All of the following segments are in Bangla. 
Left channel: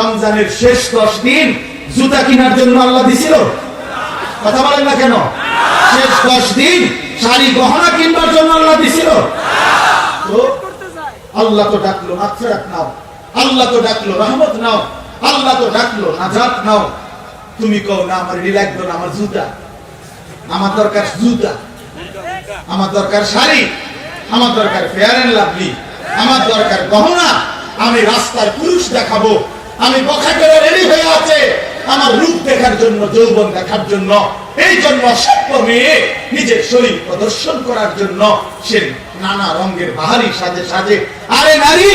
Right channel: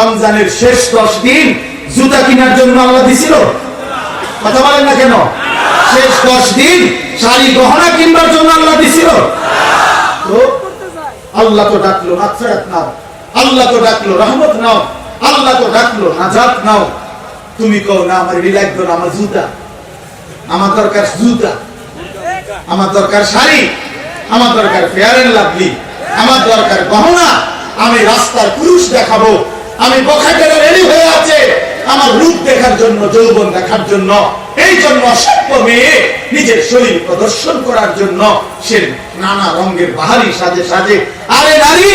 রমজানের শেষ দশ দিন জুতা কেনার জন্য আল্লাহ দিছিল? কথা বলেন না কেন? শেষ দশ দিন শাড়ি গহনা কিনবার জন্য আল্লাহ দিছিল? আল্লাহ তো ডাকলো, মাগফিরাত নাও। আল্লাহ তো ডাকলো, রহমত নাও। আল্লাহ তো ডাকলো, নাজাত নাও। তুমি কও, না, আমার রিল্যাক্স না, আমার জুতা। আমার দরকার জুতা। আমার দরকার শাড়ি। আমার দরকার ফেয়ার এন্ড লাভলি আমার দরকার গহনা। আমি রাস্তার পুরুষ দেখাবো। আমি বখাটেরা রেডি হয়ে আছে। আমার রূপ দেখার জন্য, যৌবন দেখার জন্য। এই জন্য মেয়ে নিজের শরীর প্রদর্শন করার জন্য সে নানা রঙের বাহারি সাজে সাজে। আরে নারী,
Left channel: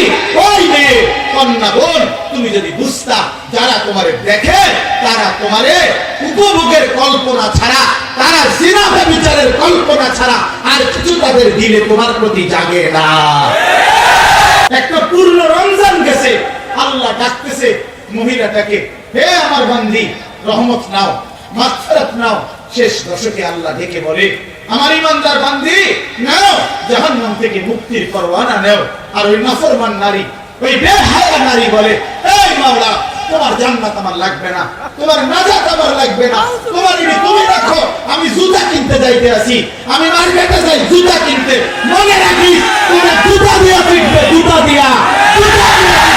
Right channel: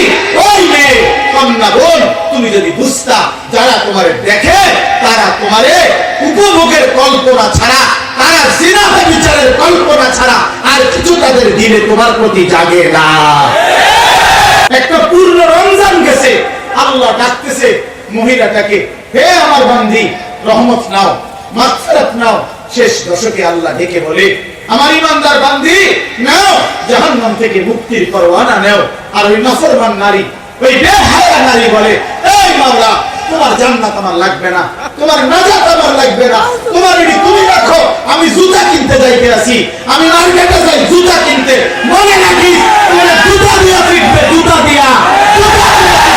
ওই মেয়ে, কন্যা বোন, তুমি যদি বুঝতা, যারা তোমারে দেখে, তারা তোমারে উপভোগের কল্পনা ছাড়া, তারা জিনা বিচারের কল্পনা ছাড়া, আর কিছু তাদের দিলে তোমার প্রতি জাগে না। একটা পূর্ণ রমজান গেছে। আল্লাহ ডাকতেছে, মহিলাটাকে, হে আমার বান্দি, রহমত নাও, মাগফিরাত নাও। শেষ দশকে আল্লাহ ডেকে বলে, আমার ইমানদার বান্দি, নাও, জাহান্নাম থেকে মুক্তির পরওয়ানা নাও। আর ওই নাফরমান নারী, ওই বেহায়া নারী বলে, এই মাওলা, তোমার জান্নাত আমার লাগবে না, তোমার নাজাত আমার লাগবে না। তোমার এটি তুমি রাখো, আমি জুতা কিনতে যাইতে আছি আমি মার্কেটে যাই জুতা কিনতে মনে রাখিস তোমার জুতা দিয়া ফিটবে, জুতা দিয়া জুতা দিয়া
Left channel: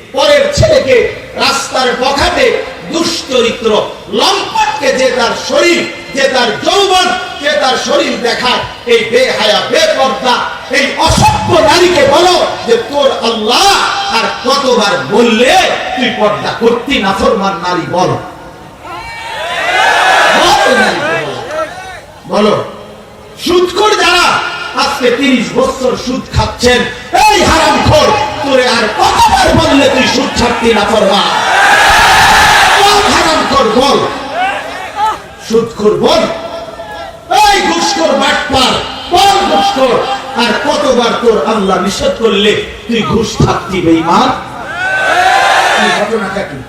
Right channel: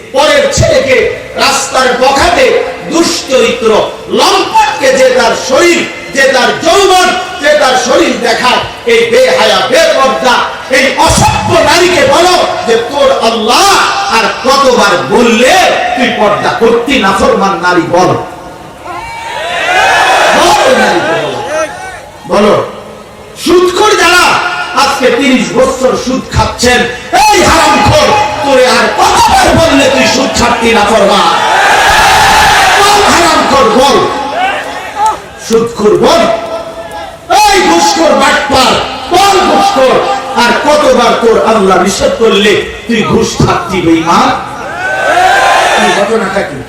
পরের ছেলেকে রাস্তার বখাতে দুশ্চরিত্র লম্পটকে যে তার শরীর, যে তার যৌবন, যে তার শরীর দেখা এই বেহায়া, বেপর্দা, এই অসভ্য নারীকে বলো যে তোর আল্লাহ আর কতবার বললে তুই পর্দা করতি না ফরমান নারী বলো বলো। বলো সুদখোর যারা আজকে তিরিশ বছর সুদ খাচ্ছেন, এই হারাম খোর তোরে আর কতবার বললে তুই সুদ ছাড়তি না বল হারাম খোর বল? সুদখোর বল? এই ঘুষখোর বাটপার, বল ঘুষখোর। আর কতবার তোর আল্লাহ নিষেধ করলে তুই ঘুষ থাকতি বেঈমান? এই ঘটনাটা কি?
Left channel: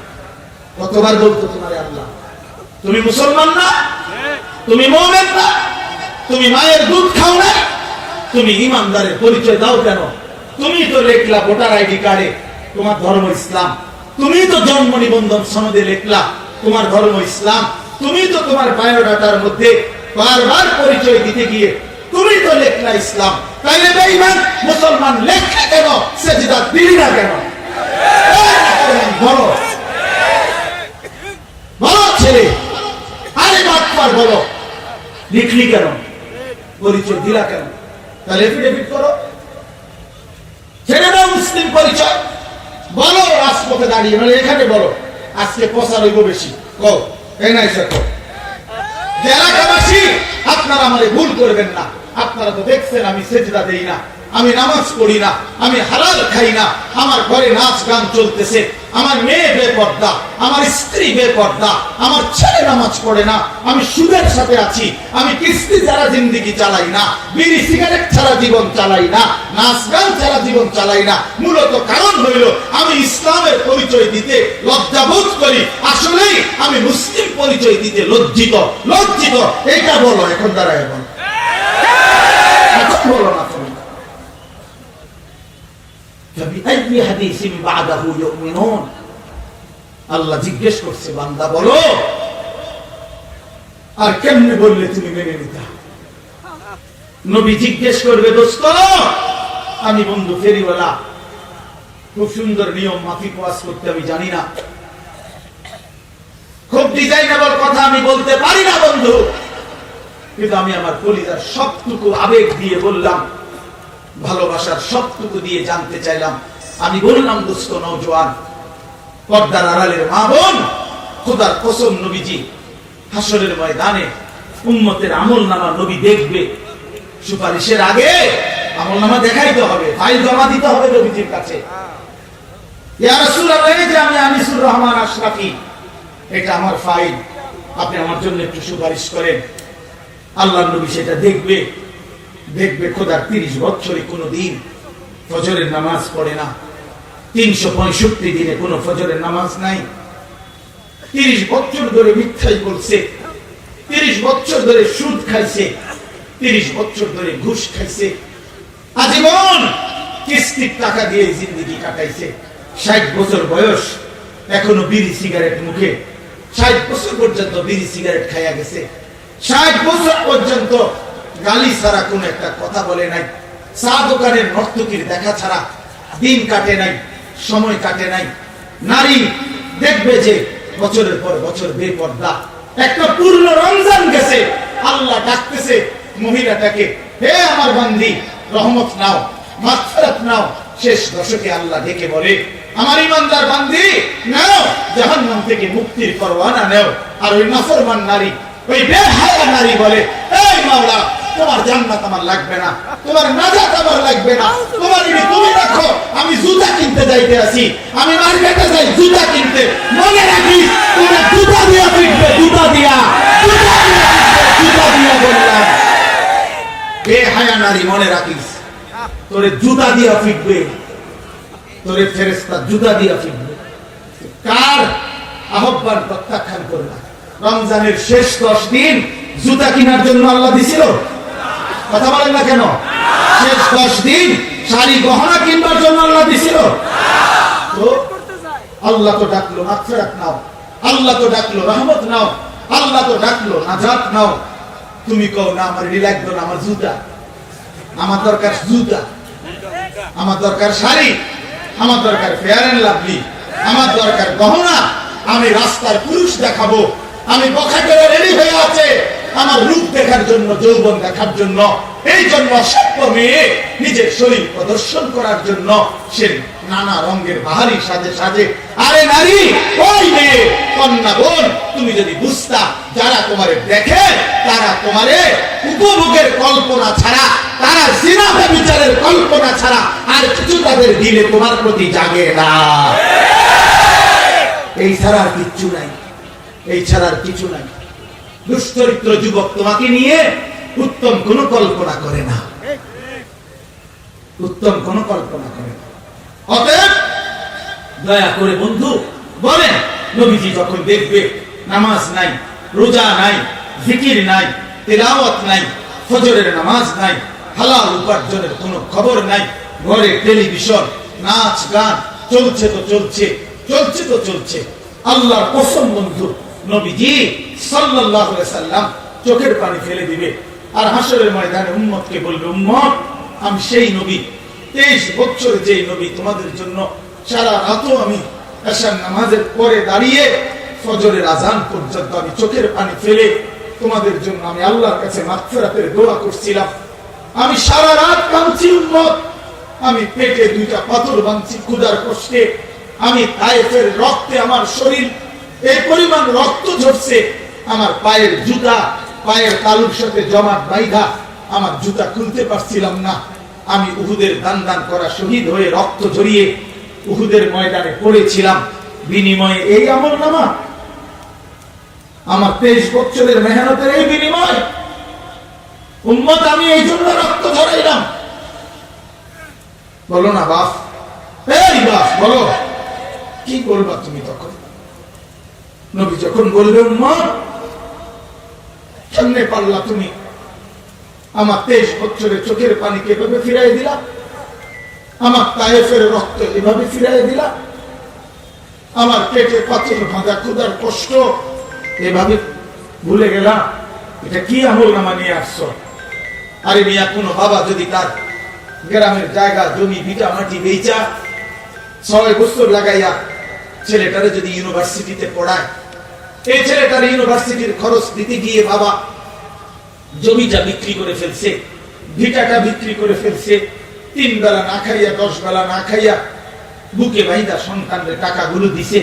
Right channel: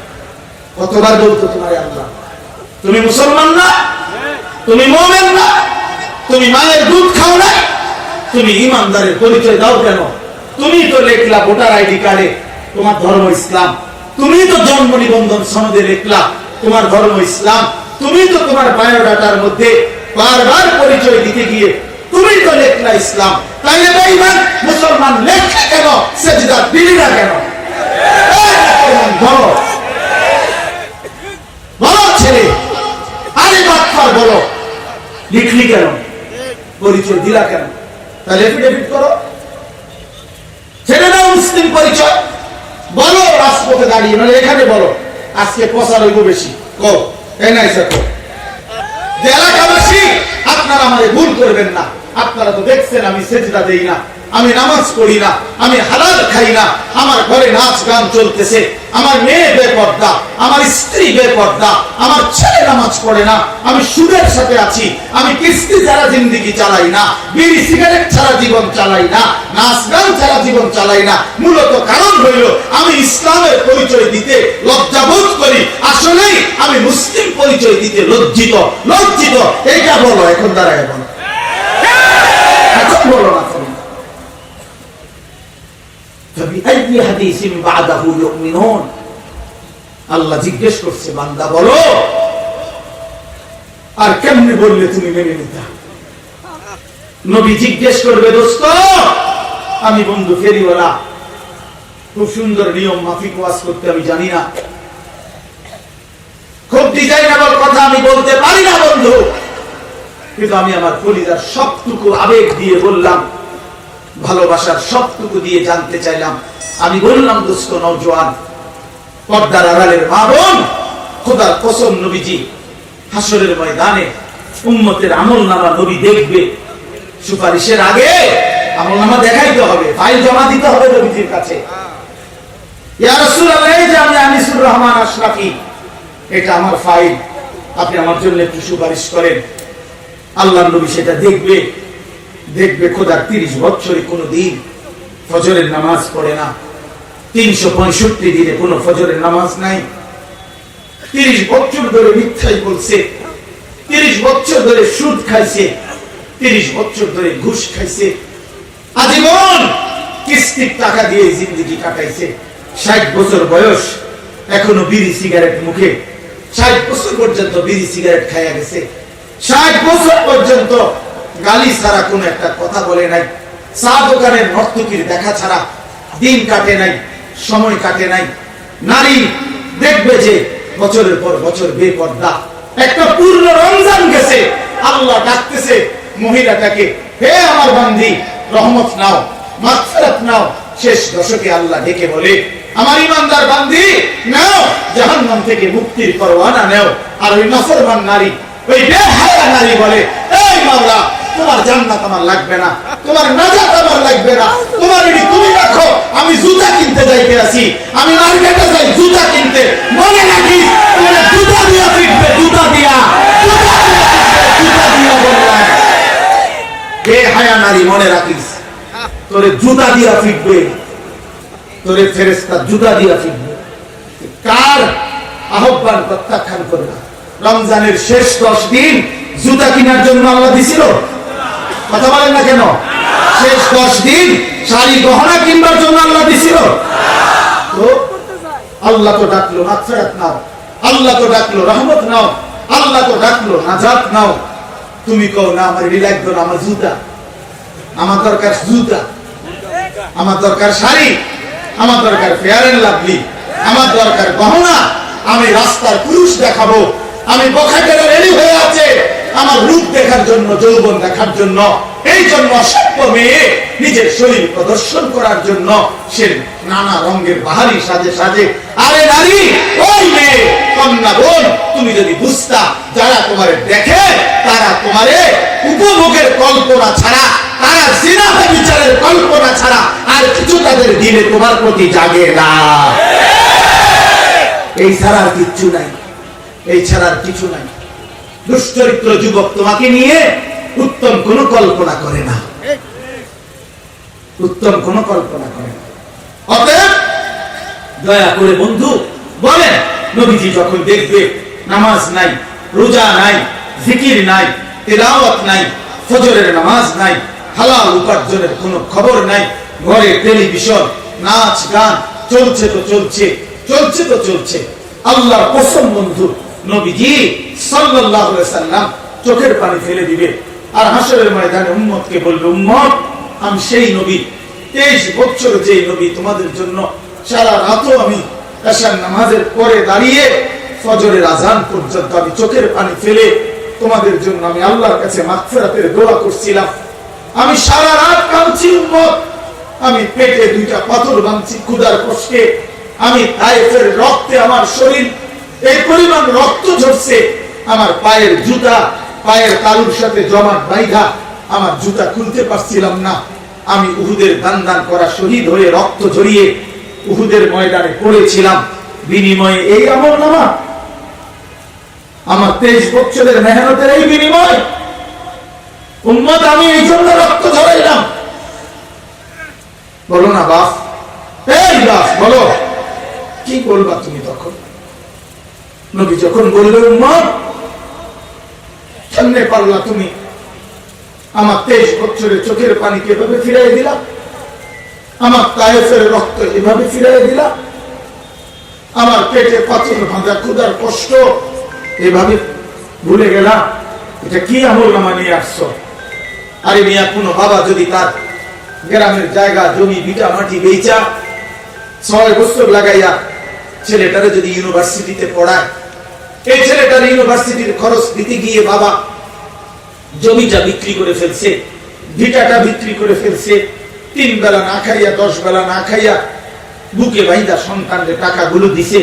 কতবার বলতো তোমার আল্লাহ? তুমি মুসলমান না? তুমি মোমেন না? তুমি মায়ের দুধ খাও না? তুমি ইমানদারের পরিচয় দাও কেন? তুমি তো লেখলা ভোটার আইডি কার্ডে তোমার ধর্ম ইসলাম। তুমি তো জন্ম নিবন্ধন সনদে লেখলা তোমার ধর্ম ইসলাম। তুমি তো তোমার বায়োডাটার মধ্যে বারবার পরিচয় দিতে গিয়ে তুমি তো লেখলা ইসলাম। তাইলে বেঈমান মুসলমান লেখছে কেন, সেজদা দিলি না কেন? বলো। বলো ছেলে, আরে বাচ্চার বলো। লিখলি কেন? পরিচয় দিলা কেন? তাহলে এফিডেভিট করো। মুসলিম পরিচয়? বলো রাজপথে দাঁড়িয়ে মানে এখানে বলো। আজকে প্রচার হইব বেশি। আপনারা আমাদের ভুল করবেন না। আপনারা তো দেখছেন, আমি সেজদা দেই না। আমি নামাজ পড়ি না। আমি হালাল খাই না। আমার ঘরে নাচ গান চলতেছে। আমার মেয়ে বেপর্দা, আমার স্ত্রী বেপর্দা, আমার ছেলে নামাজ পড়ে না, আমি সুদের সাথে আছি, আমি কিস্তি ছাড়া জিন্দিগি চালাই না, বিড়ি সিগারেট ছাড়া জীবন চালাই না, নাচ গান ছাড়া জীবন চালাই না। মূলত কারণ হইল, আমি ইসলামের পরিচয় দিতে লজ্জাবোধ করি। আসলেই আমি মুসলিম পরিচয় দিতে লজ্জিত লজ্জিত। এইটা বলো, এখন দাঁড়ায় বলো। এখন বলো না। فبأي حديث بعده يؤمنون আল্লাহ জিজ্ঞেস করছে বান্দা বলো আর কেমনে বললে তুমি মেনে নিতা নবী জিজ্ঞেস করবে দোস্ত আমি বন্ধু ফেরিওয়ালা খুব সুন্দর নিয়ম মাফিক ওয়াজ করতে আমি জানি না খুব ডিজাইনেবল কথা আমি বলতে পারি না বন্ধু কিন্তু আমি আমার কলিজার সবটুকু আবেগ দিয়ে বললাম ভালোবাসার সবটুকু দিয়ে জানতে চাইলাম। আমি বললাম, দোস্ত নৌজওয়ান পর্দার আড়ালের মা বোন, খোদার কসম নবীজি, হাসরের ময়দানে উম্মতের আমল নামা নবী দেখবে। সুপারিশের আগে আমল নামা দেখাইতে হবে, ফাইল জমা দিতে হবে নবীজির কাছে। আমি রহমান এটা আমার ফাইল। আপনি আমার জন্য একটু সুপারিশ করেন। আল্লাহ নবী সেটা দেখবে। দেখবে খোদার তিরিশ বছরে কোনো দিন ফজরের নামাজ পড়ে না। তিনশো পঁয়ষট্টি দিনে কোনো ফজরের নামাজ নাই। তিরিশ বছর ধরে মিথ্যাই বলছে। তিরিশ বছর ধরে সুদ খাইছে। তিরিশ বছর ধরে ঘুষ খাইছে। আজীবন কিস্তির টাকা দিয়ে জিন্দগি কাটাইছে। ষাট বছর বয়স, এখনও বিড়ি সিগারেট মুখে। ষাট বছর পর্যন্ত বিড়ি সিগারেট খাইয়া গেছে। ষাট বছর পর্যন্ত গালি ছাড়া কোনো একটা কথা বলে নাই। চা দোকানের নর্তকীর দেখা ছাড়া দিন কাটে নাই, সময় কাটে নাই। নারী দেখবে যে বছরের পর বছর বেপর্দা একটা পূর্ণ রমজান গেছে। আল্লাহ ডাকতেছে, মহিলাটাকে, হে আমার বান্দি, রহমত নাও, মাগফিরাত নাও। শেষ দশকে আল্লাহ ডেকে বলে, আমার ইমানদার বান্ধি নাও, জাহান্নাম থেকে মুক্তির পরওয়ানা নাও। আর ওই নাফরমান নারী, ওই বেহায়া নারী বলে, এই মাওলা তোমার জান্নাত আমার লাগবে না, তোমার নাজাত আমার লাগবে না। তোমার এটি তুমি রাখো আমি জুতা কিনতে যাইতে আছি, আমি মার্কেটে যাই জুতা কিনতে। মনে রাখি তোমার জুতা দিয়া ফিটবে জুতা দিয়া। জুতা দিয়া জুতা দিয়া বললাম। হে হায়া নারী, মনে রাখিস, তোরে জুতা দিয়া ফিটবে। তোরে ফেরেস্তা জুতা দিয়া ফিটবে। কার আহ্বান প্রত্যাখ্যান করবে রমজানের শেষ দশ দিন জুতা কেনার জন্য আল্লাহ দিছিল? কথা বলেন না কেন? শেষ দশ দিন শাড়ি গহনা কিনবার জন্য আল্লাহ দিছিল। আল্লাহ তো ডাকলো, মাগফিরাত নাও। আল্লাহ তো ডাকলো, রহমত নাও। আল্লাহ তো ডাকলো, নাজাত নাও। তুমি কও, না, আমার লাগবে না, আমার জুতা। আমার দরকার জুতা। আমার দরকার শাড়ি। আমার দরকার ফেয়ার এন্ড লাভলি আমার দরকার গহনা। আমি রাস্তার পুরুষ দেখাবো। আমি বখাটেরা রেডি হয়ে আছে। আমার রূপ দেখার জন্য, যৌবন দেখার জন্য, এই জন্য মেয়ে নিজের শরীর প্রদর্শন করার জন্য সে নানা রঙের বাহারি সাজে সাজে, আরে নারী, ওই মেয়ে, কন্যা বোন, তুমি যদি বুঝতা, যারা তোমারে দেখে, তারা তোমারে উপভোগের কল্পনা ছাড়া, তারা জিনা বিচারের কল্পনা ছাড়া, আর কিছু তাদের দিলে তোমার প্রতি জাগে না। এই ছাড়া আর কিচ্ছু নাই, এই ছাড়া আর কিছু নাই। দুশ্চরিত্র যুবক তোমাকে নিয়ে উত্তম কোন কল্পনা করে না। উত্তম কোন কল্পনা করে না। অতএব দয়া করে বন্ধু বলেন নবীজি যখন দেখবে নামাজ নাই, রোজা নাই, জিকির নাই, তেলাওয়াত নাই, ফজরের নামাজ নাই, হালাল উপার্জনের কোনো খবর নাই, ঘরে টেলিভিশন, নাচ গান চলছে তো চলছে চলছে তো চলছে। আল্লাহর কসম বন্ধু, নবীজি সাল্লাম চোখের পানি ফেলে দিবে। আর হাসরের ময়দানে উম্মতকে বলবে, উম্মত, আমি সেই নবী। তেইশ বছর যে নবী তোমাদের জন্য সারা রাতও আমি নামাজের পরে দাঁড়িয়ে ফজরের আজান পর্যন্ত আমি চোখের পানি ফেলে তোমাদের জন্য আমি আল্লাহর কাছে মাগফিরাতের দোয়া করছিলাম। আমি সারা রাত কাঁদছি, উম্মত। আমি পেটে দুইটা পাথর বাঁধছি ক্ষুদার কষ্টে। আমি তায়েফের রক্তে আমার শরীর, এই পরিমাণ রক্ত ঝরছে। আমার পায়ের জুতা, পায়ের তালুর সাথে জমাট বাইধা আমার জুতা খুলতে পারছিলাম না। আমি উহুদের দান দান করা শহীদ হয়ে রক্ত ঝরিয়ে উহুদের ময়দানে পড়েছিলাম। বিনিময়ে এই আমল নামা আমার তেইশ বছরের মেহনতের এই বিনিময়। উম্মত, আমি এই জন্য রক্ত ঝরাইলাম। বলো না, বাস। এই বাস, বলো। কি বলবা তুমি তখন? নবী যখন বলবে উম্মত কেমনে পারলা তুমি। আমার তেইশ বছরের চোখের পানিকে এভাবে ফিরাই দিলা? আমার তায়েফের রক্ত এভাবে ফিরাই দিলা? আমার পেটে পাথর ভাঁজা ক্ষুদার কষ্ট এভাবে ভুলে গেলা? এটা কি আমল নামা নিয়ে আসছো? আরে মিয়া, কোনো বাবা যদি তার গ্রামের জায়গা, জমি বিটা মাটি বেচা ছয় বছর লাগাইয়া ছেলেটারে যদি ইউনিভার্সিটিতে পড়ায়, এই ছেলেটার ইউনিভার্সিটির খরচ দিতে গিয়ে বাবা জমিটা বিক্রি করে ফেলছে, ভিটাটা বিক্রি করে ফেলছে, তিন বেলা না খাইয়া, দশ বেলা না খাইয়া, বুকে বাইদা সন্তানদের টাকাগুলো দিছে।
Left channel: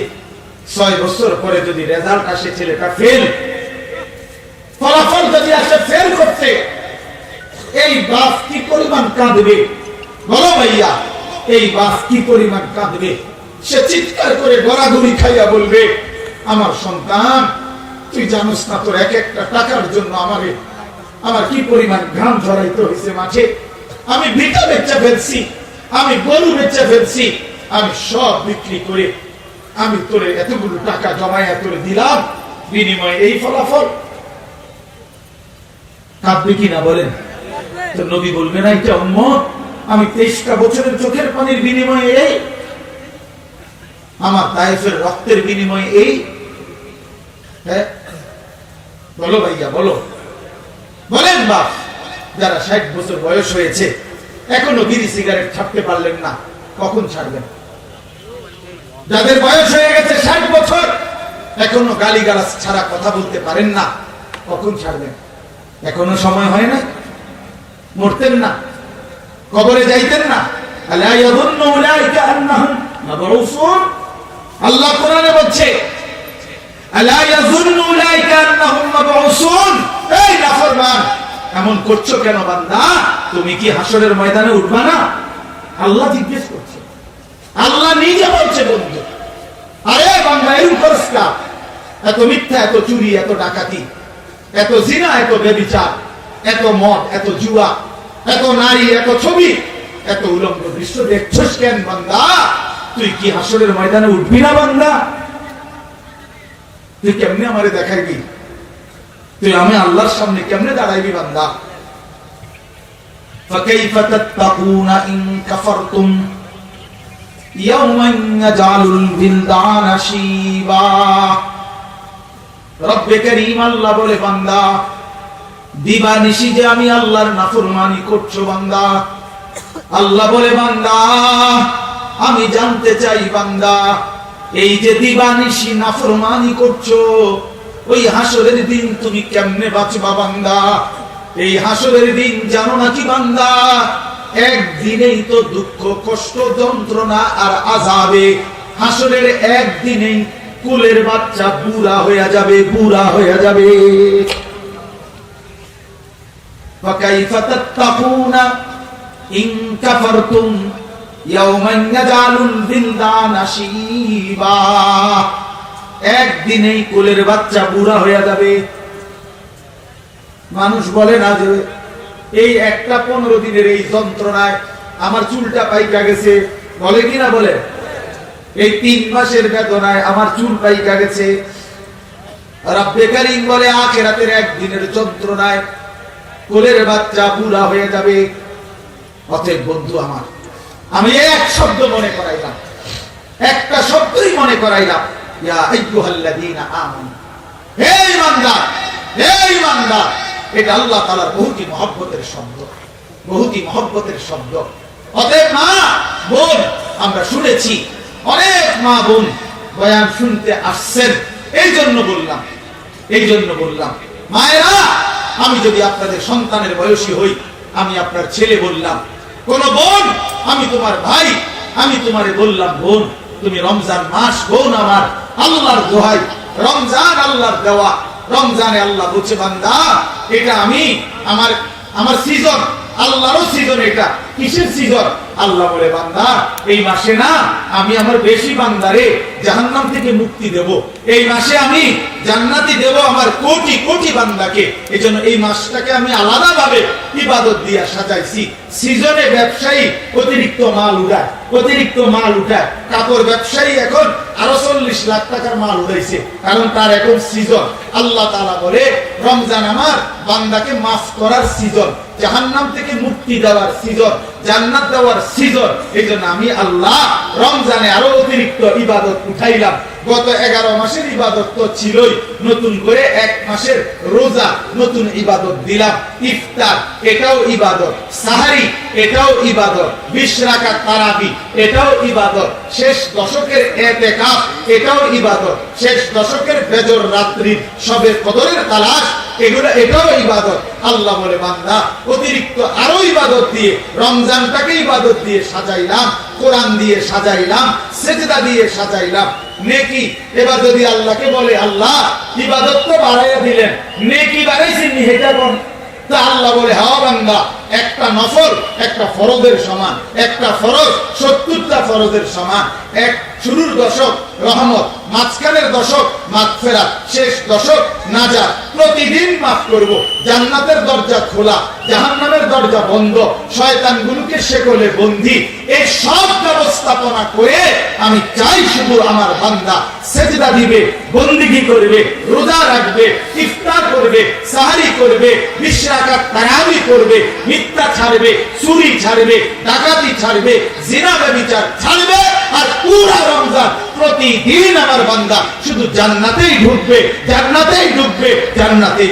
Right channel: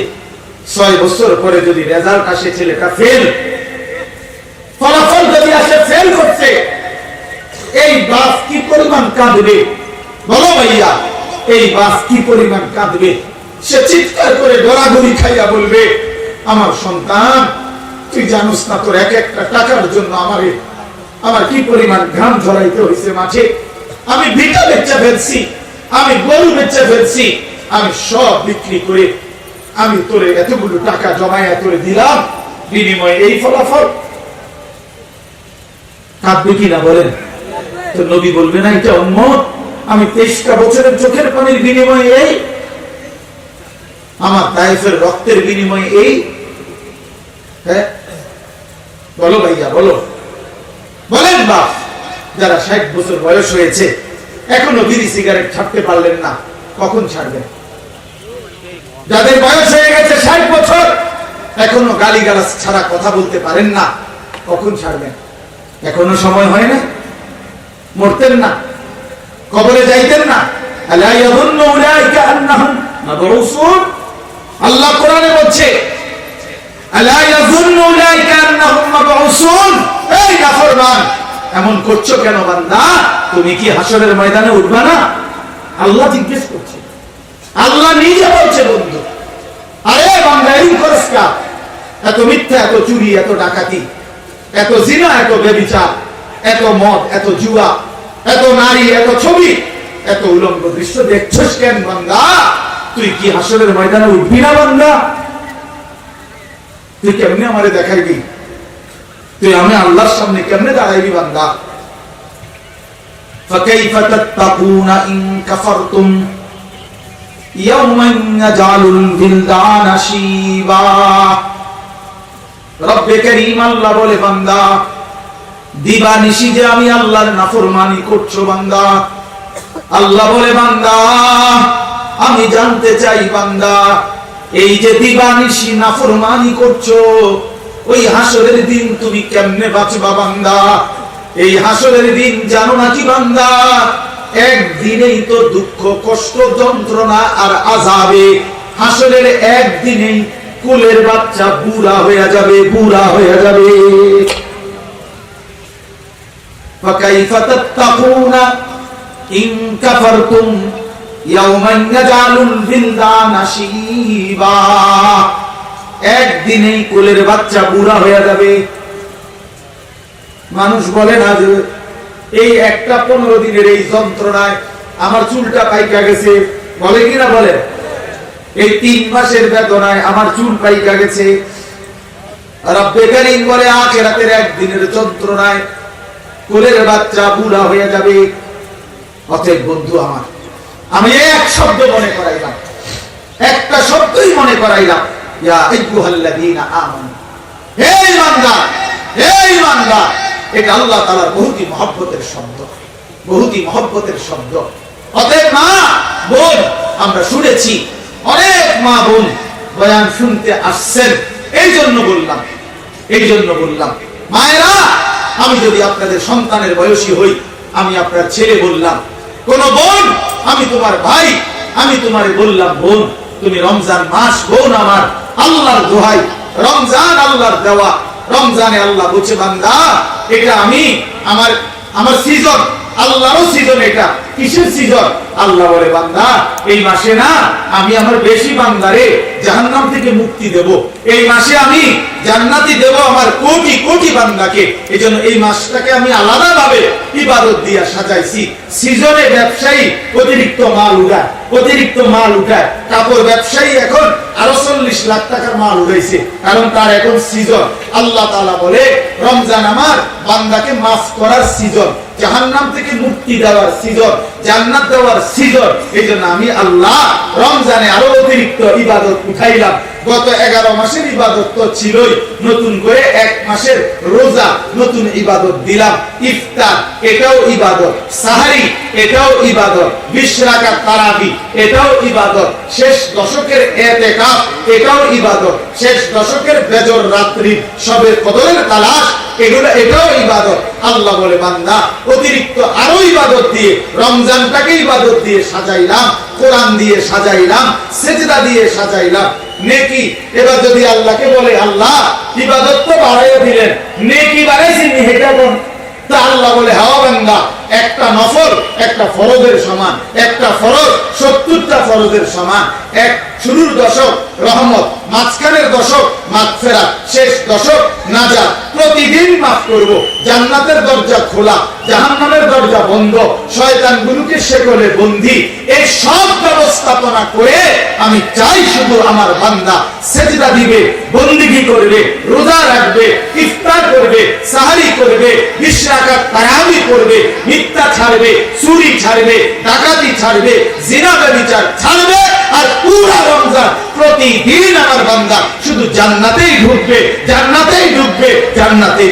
ছয় বছর পরে যদি রেজাল্ট আসে ছেলেটা ফেল ফলাফল যদি আসে ফেল করছে, এই বাস কি পরিমাণ কাঁদবে? বলো ভাইয়া এই বাস কি পরিমাণ কাঁদবে? সে চিৎকার করে গড়াগড়ি খাইয়া বলবে, আমার সন্তান, তুই জানোস না তোর এক একটা টাকার জন্য আমারে আমার কি পরিমাণ ঘাম ঝরাইতে হয়েছে মাঠে আমি ভিটা বেচা ফেলছি, আমি গরু বেচা ফেলছি, আমি সব বিক্রি করে আমি তোরে এতগুলো টাকা জমাইয়া তোরে দিলাম, বিনিময়ে এই ফলাফল। কাঁদবে কিনা বলেন? তো নবী বলবে না এটা উন্মত আমি তেইশটা বছরের চোখের পানির বিনিময়ে এই, আমার তাইফের রক্তের বিনিময়ে এই। হ্যাঁ? বলো ভাইয়া, বলো। বলেন বা যারা ষাট বছর বয়স হয়েছে, এখনও বিড়ি সিগারেট ছাড়তে পারলেন না, কখন ছাড়বেন? যাদের বয়স হয়ে গেছে ষাট বছর, এখনও গালি গালাজ ছাড়া কথা বলতে পারেন না, কখন ছাড়বেন? এখনও সময় হয় না? মরতেন না? কবরে যাইতেন না? আল্লাহ কোরআনে বলছে, আলা এই নাফরমান এমন করছ কেন বান্দা? তুমি কি হাসরের ময়দানে উঠবা না? আল্লাহ জিজ্ঞেস করছে। আল্লাহ নিজে বলছে, বন্ধু, আরে বান্দা এরকম করস এত মিথ্যা, এত চুরি, এত ডাকাতি, এত জিনা, এত বেবিচার, এত মদ, এত জুয়া, এত নারী, এত ছবি, এত উলঙ্গ দৃশ্য দেখছস কেন বান্দা? তুই কি হাসরের ময়দানে উঠবি না বান্দা? তুই কেমনে আমারে দেখাইবি? তুই আমি আল্লাহর সামনে কেমনে দাঁড়াইবি বান্দা فكيف تتقون إن كفرتم يوما يجعل البلدان شيبا রব্বে করিম আল্লাহ বলে বান্দা দিবা নিশি যে আমি আল্লাহর নাফরমানি করছো বান্দা আল্লাহ বলে বান্দা আমি জানতে চাই বান্দা এই যে দিবা নিশি নাফরমানি করছো ওই হাসরের দিন তুমি কেমনে বাঁচবা বান্দা এই হাসরের দিন জানো নাকি বান্দা একদিনেই তো দুঃখ কষ্ট যন্ত্রণা আর আজাবে হাসরের একদিনেই কুলের বাচ্চা বুড়া হয়ে যাবে বুড়া হয়ে যাবে فكيف تتقون إن كفرتم يوما يجعل البلدان شيبا একদিনেই কোলের বাচ্চা বুড়া হয়ে যাবে। মানুষ বলে না যে, এই একটা পনেরো দিনের এই যন্ত্রণায় আমার চুলটা পাইকা গেছে। বলে কিনা বলে? এই তিন মাসের বেদনায় আমার চুল পাইকা গেছে। বলে, আখেরাতের একদিনের যন্ত্রণায় কোলের বাচ্চা বুড়া হয়ে যাবে। অতএব বন্ধু আমার, আমি এক শব্দ মনে করাইলাম। একটা শব্দই মনে করাইলাম। শুনেছি, অনেক মা বোন বয়ান শুনতে আসছেন এই জন্য বললাম এই জন্য বললাম, মায়েরা, আমি যদি আপনাদের সন্তানের বয়সী হই, আমি আপনার ছেলে বললাম, কোন বোন, আমি তোমার ভাই, আমি তোমারে বললাম, বোন, তুমি রমজান মাস, বোন আমার আল্লাহর দোহাই, রমজান আল্লাহর দেওয়া, রমজানে আল্লাহ বলছে বান্দা, এটা আমি, আমার আমার সিজন আল্লাহরও সিজন এটা। কিসের সিজন আল্লাহ বলে, বান্দা, এই মাসে না, আমি আমার বেশি বান্দারে জাহান্নাম থেকে মুক্তি দেব। এই মাসে আমি জান্নাতি দেব আমার কোটি কোটি বান্দাকে। এই এই মাসটাকে আমি আলাদা ভাবে ইবাদত দিয়া সাজাইছি। সিজনে ব্যবসায়ী অতিরিক্ত মাল উঠায়, অতিরিক্ত মাল উঠায়। কাপড় ব্যবসায়ী এখন আরও চল্লিশ লাখ টাকার মাল উঠাইছে। কারণ তার এখন সিজন। আল্লাহ তাআলা বলে, রমজান আমার বান্দাকে মাফ করার সিজন, জাহান্নাম থেকে মুক্তি দেওয়ার সিজন, জান্নাত দেওয়ার সিজন। এই আমি আল্লাহ রমজানে আরও অতিরিক্ত ইবাদত উঠাইলাম। গত এগারো মাসের ইবাদত তো ছিলই। নতুন করে এক মাসের রোজা নতুন ইবাদত দিলাম। ইফতার, এটাও ইবাদত। সাহারি, এটাও ইবাদত। বিশ রাকাত তারাবি, এটাও ইবাদত। শেষ দশকের এতেকাফ, এটাও ইবাদত। শেষ দশকের বেজর রাত্রি, সবে কদরের তালাশ, এগুলো, এটাও ইবাদত। আল্লাহ বলে, বান্দা, অতিরিক্ত আরও ইবাদত দিয়ে, রমজানটাকে ইবাদত দিয়ে সাজাইলাম, কোরআন দিয়ে সাজাইলাম, সেজদা দিয়ে সাজাইলাম। নেকি? এবার যদি আল্লাহকে বলে, আল্লাহ, ইবাদত তো বাড়াইয়া দিলেন, নেকি বাড়াইছেন হেটা বল তা আল্লাহ বলে হাওয়া বান্দা, একটা নফল, একটা ফরজের সমান, একটা ফরজ, সত্তরটা ফরজের সমান, এক শুরুর দশক রহমত। মাঝখানের দশক মাগফেরাত, শেষ দশক নাজাত। প্রতিদিন মাফ করব। জান্নাতের দরজা খোলা, জাহান্নামের দরজা বন্ধ, শয়তানগুলোকে শেকলে বন্দি। এই সব ব্যবস্থাপনা করে আমি চাই শুধু আমার বান্দা সেজদা দিবে, বন্দিগি করবে, রোজা রাখবে, ইফতার করবে, সাহারি করবে, বিশ্রাকাত তারাবি করবে, মিথ্যা ছাড়বে, চুরি ছাড়বে, ডাকাতি ছাড়বে জিনা ব্যবিচার ছাড়বে। আর পুরো রমজান প্রতিদিন আমার বান্দা শুধু জান্নাতেই ঢুকবে জান্নাতেই ঢুকবে, জান্নাতেই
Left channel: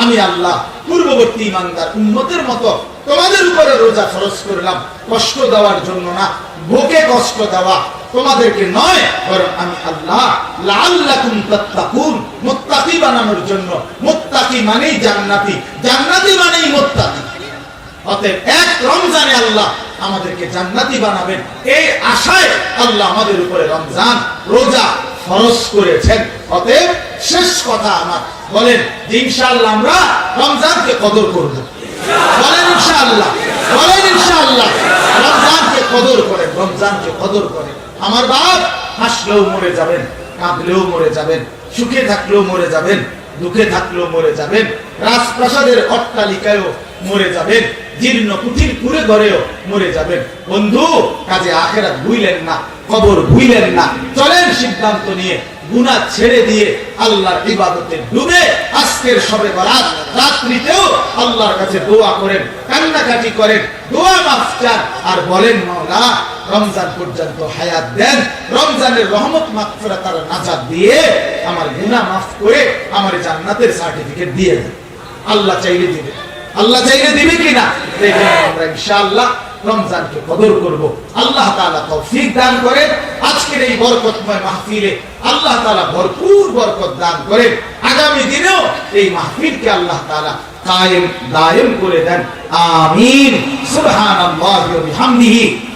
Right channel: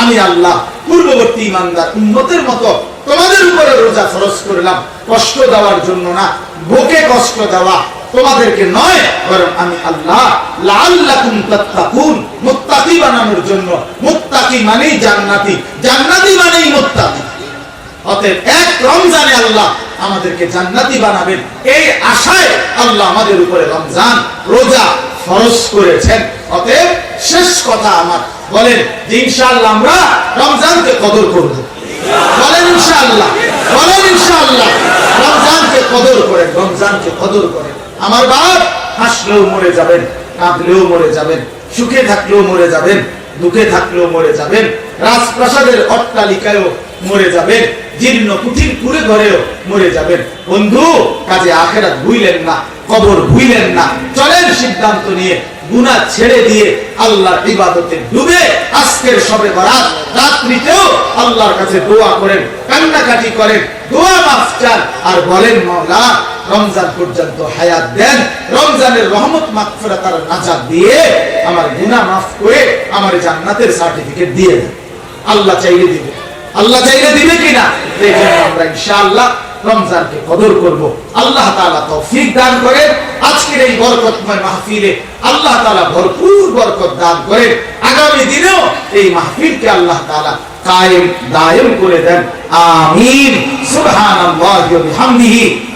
আমি আল্লাহ, পূর্ববর্তী ইমানদার মতো তোমাদের উপরে রোজা ফরজ করলাম। কষ্ট দেওয়ার জন্য না, বুকে কষ্ট দেওয়া তোমাদেরকে নয়, বরং আমি আল্লাহ। মুত্তাকি বানানোর জন্য। মুত্তাকি মানেই জান্নাতি জান্নাতি মানেই মুত্তাকি। অতএব এক রমজানে আল্লাহ আমাদেরকে জান্নাতি বানাবেন। এই আশায় আল্লাহ আমাদের উপরে রমজান রোজা ফরজ করেছেন। অতএব শেষ কথা আমার। বলেন যে ইনশাআল্লাহ আমরা রমজানকে কদর করব। বলেন, ইনশাআল্লাহ। বলেন, ইনশাআল্লাহ। রমজানকে কদর করেন, রমজানকে কদর করেন। আমার বাপ হাসলেও মরে যাবেন, কাঁদলেও মরে যাবেন, সুখে থাকলেও মরে যাবেন, দুঃখে থাকলেও মরে যাবেন, রাজপ্রাসাদের অট্টালিকায়ও মরে যাবেন, জীর্ণ কুঠির পুরে ঘরেও মরে যাবেন। বন্ধু, কাজে আখেরাত ভুইলেন না, কবর ভুইলেন না। চলেন সিদ্ধান্ত নিয়ে গুনাহ ছেড়ে দিয়ে আল্লাহর ইবাদতে ডুবে আজকের সবে বরাত। রাত্রিতেও আল্লাহর কাছে দোয়া করেন, কান্নাকাটি করেন, দোয়া মাফ চান, আর বলেন, মাওলা রমজান পর্যন্ত হায়াত দেন, রমজানের রহমত মাগফিরাত আর নাজাত দিয়ে আমার গুনাহ মাফ করে আমার জান্নাতের সার্টিফিকেট দিয়ে দেন। আল্লাহ চাইলে দিবে। আল্লাহ চাইলে দিবে কিনা? আমরা ইনশাআল্লাহ রমজানকে কদর করব। আল্লাহ তাআলা তৌফিক দান করেন। আজকের এই বরকতময় মাহফিলে আল্লাহ তাআলা ভরপুর বরকত দান করেন। আগামী দিনেও এই মাহফিলকে আল্লাহ তাআলা কায়েম, দায়েম করে দেন। আমিন। সুবহানাল্লাহি ওয়া বিহামদিহি।